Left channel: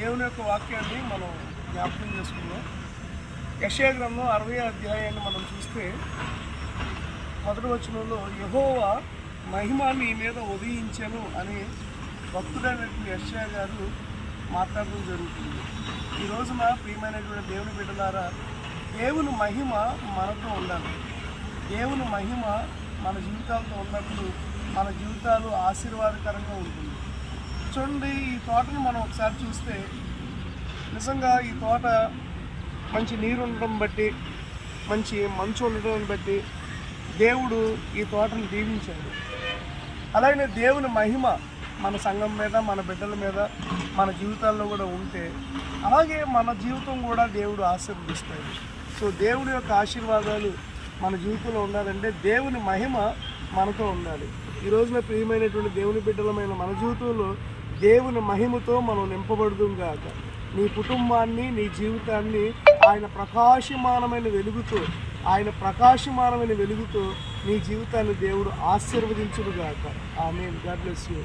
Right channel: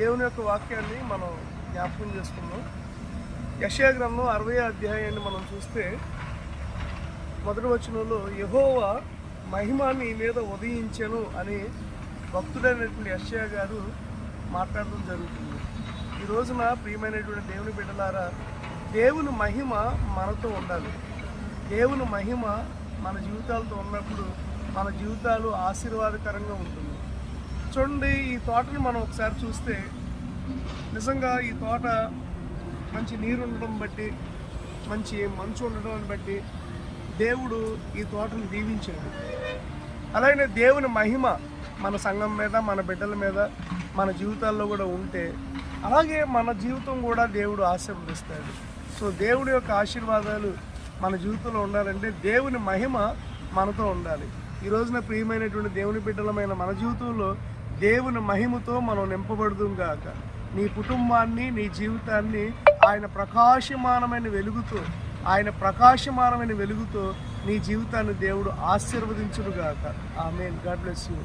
దేవుని యొక్క వాక్యాన్ని మనం జ్ఞాపకం చేసుకున్నాం. యెషయా గ్రంథం 60వ అధ్యాయాన్ని మనం చూస్తే మొదటి వచనంలో యెహోవా మహిమ నీ మీద ఉదయించెను అని భక్తుడైనటువంటి యెషయా గారు మాట్లాడడం జరుగుతుంది. ఈ రోజున ప్రియమైనటువంటి దేవుని బిడ్డలారా, దేవుని మహిమ మనతో ఉండాలి. దేవుని మహిమ మన జీవితాలతో ఉన్నప్పుడు మన జీవితాలు ఆశీర్వాదకరంగా ఉంటుంది. చూడండి, ఈ తోటను మనం ఒకసారి చూస్తే నిజంగా ఈ తోట మంచి నీరు ఉండడం బట్టి, మంచి మంచు ఉండడం బట్టి దేవుడు ఈ తోటను దీవించాడు. అలాగే దేవుని మహిమ మన సంఘం మీద, మన బిడ్డల మీద, మన జీవితాల్లో కూడా ఉంటే అలాగే మన జీవితం కూడా దేవుడు ఆశీర్వదిస్తాడు. సో దేవుడి యొక్క ఆశీర్వాదాలు మన జీవితంలో ఉండాలంటే దేవుని మహిమ మనతో ఉండాలి. ఈ రోజున ప్రియమైనటువంటి దేవుని బిడ్డలమైన మన జీవితంలో దేవుని మహిమతో మనం నింపబడుదుం గాక. నీ కుటుంబాన్ని, నీ జీవితాన్ని ఆయన ప్రకాశమానమైన వెలుగుతో నీ జీవితాన్ని దేవుడు ఆశీర్వదించును గాక. ఆమేన్. God bless you.